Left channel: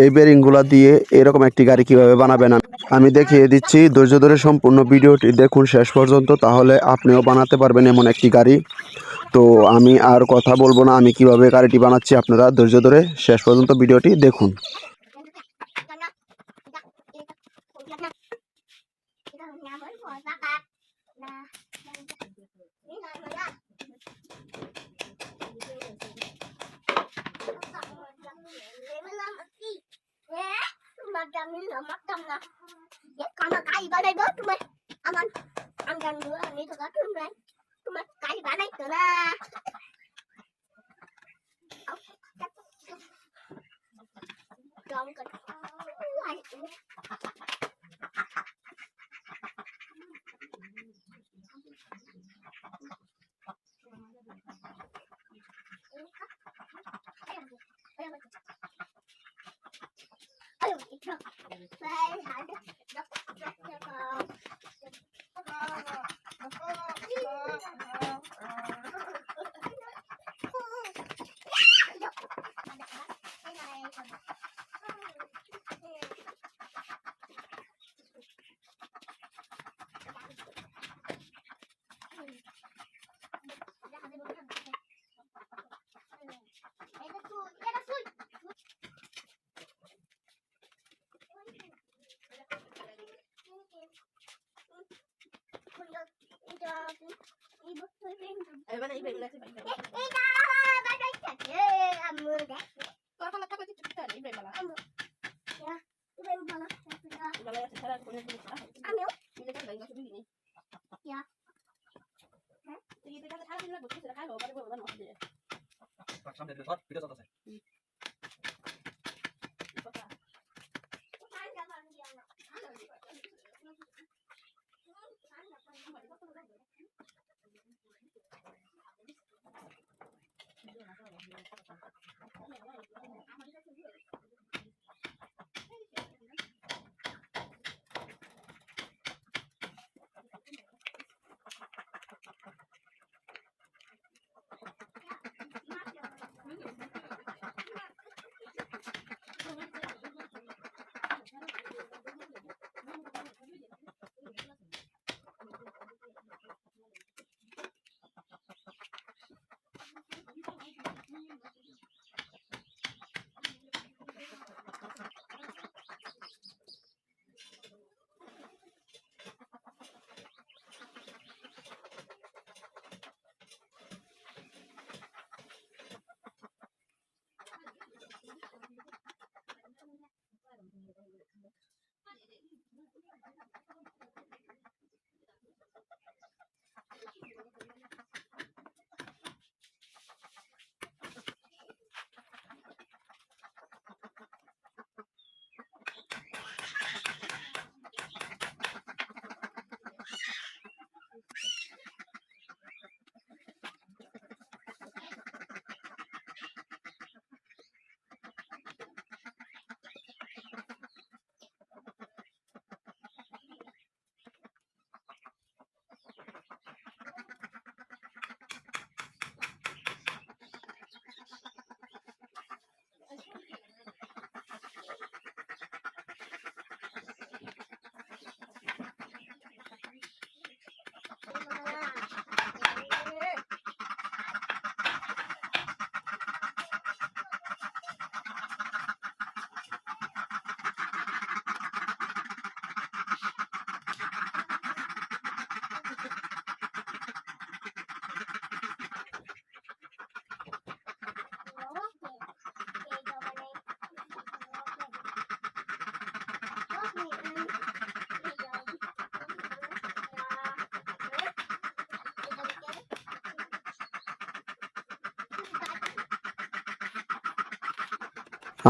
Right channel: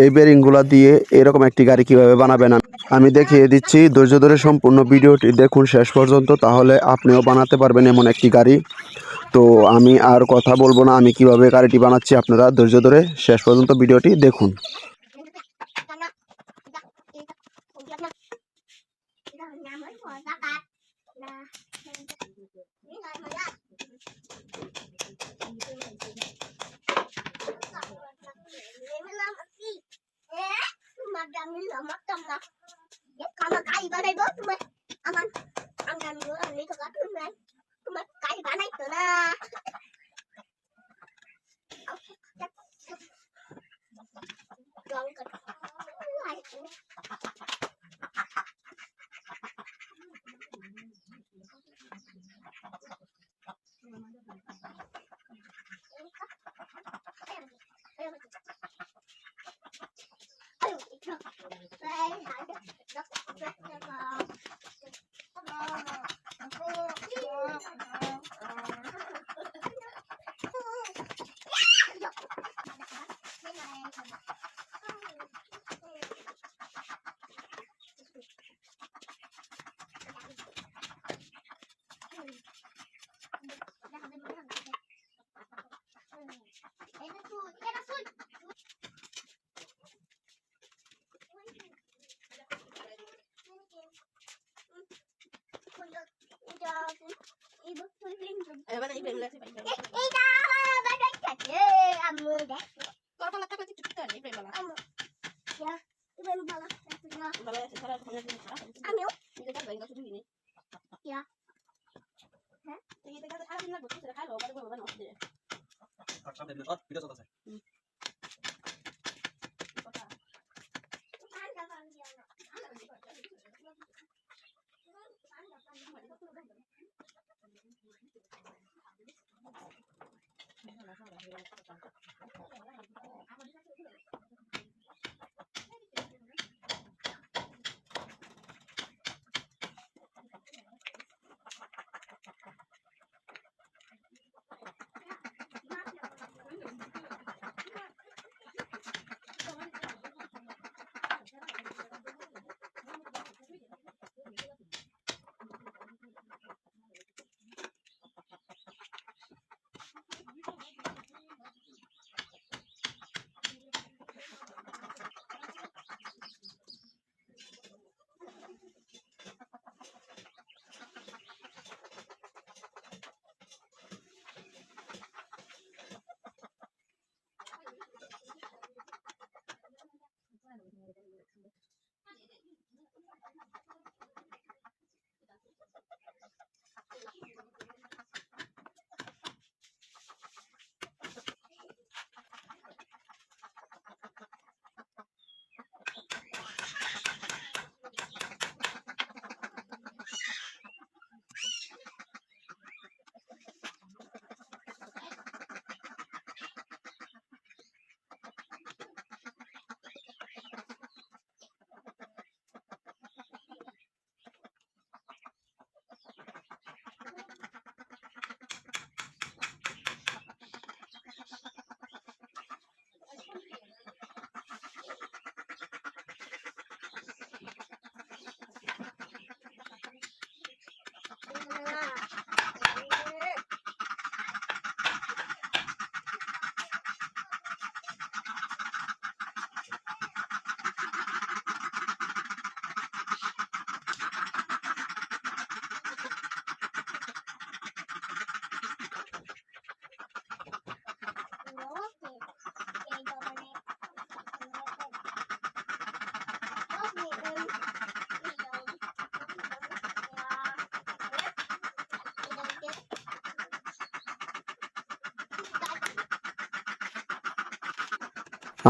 এই বেরিংগুলো দিয়ে এরকম একটি গাড়ি কিভাবে বানাবেন আমি দেখিয়ে দিচ্ছি। ধৈর্য ধরে সম্পূর্ণ ভিডিওটি দেখুন শেষ পর্যন্ত, তাহলে আপনিও বানাতে পারবেন এমন একটি গাড়ি। তো আমি আর কথা বলবো না, আমি কিভাবে গাড়িটি বানাচ্ছি আপনারা ধৈর্য ধরে শেষ পর্যন্ত ভিডিওটি দেখুন।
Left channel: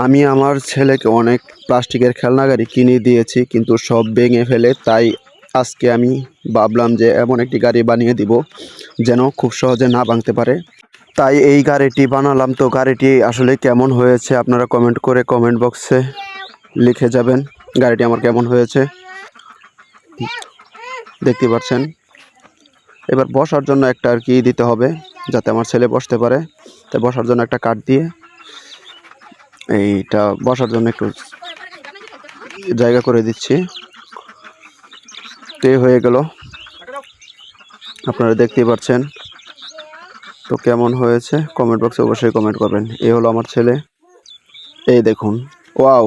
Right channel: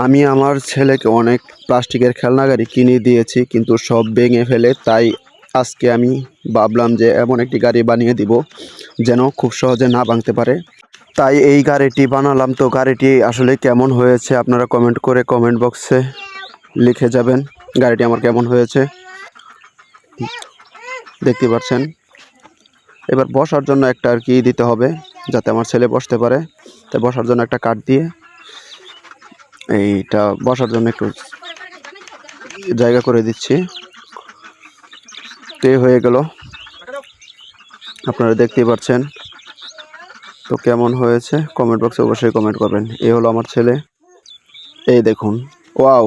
আমি আমার ছেলেকে অনেক প্লাস্টিকের খেলনা গাড়ি কিনে দিয়েছি, কিন্তু সব ভেঙে ফেলে। তাই আজকে আমি ভাবলাম যে এমন একটি গাড়ি বানিয়ে দিব যেন খুব সহজে না ভাঙতে পারে। তাই এই গাড়িটি বানালাম। তো গাড়িটি আসলে কেমন হয়েছে আপনারা কমেন্ট করে কমেন্ট বক্সে লিখে যাবেন গাড়িটি আমার কেমন হয়েছে। দেখতে পাচ্ছেন, এবার বসার জন্য একটা আর কি দিতে হবে যাতে আমার ছেলে বসতে পারে। তাই বসার জন্য একটা কাঠ দিয়ে এইটা বসার জন্য একটু জায়গা করে দিচ্ছি। তো হয়ে গেল, আপনারা দেখতেই পাচ্ছেন। তো কেমন হয়েছে কমেন্ট বক্সে অবশ্যই কমেন্ট করবেন। এই হলো আমার ছেলে, এই দেখুন, ওয়াও।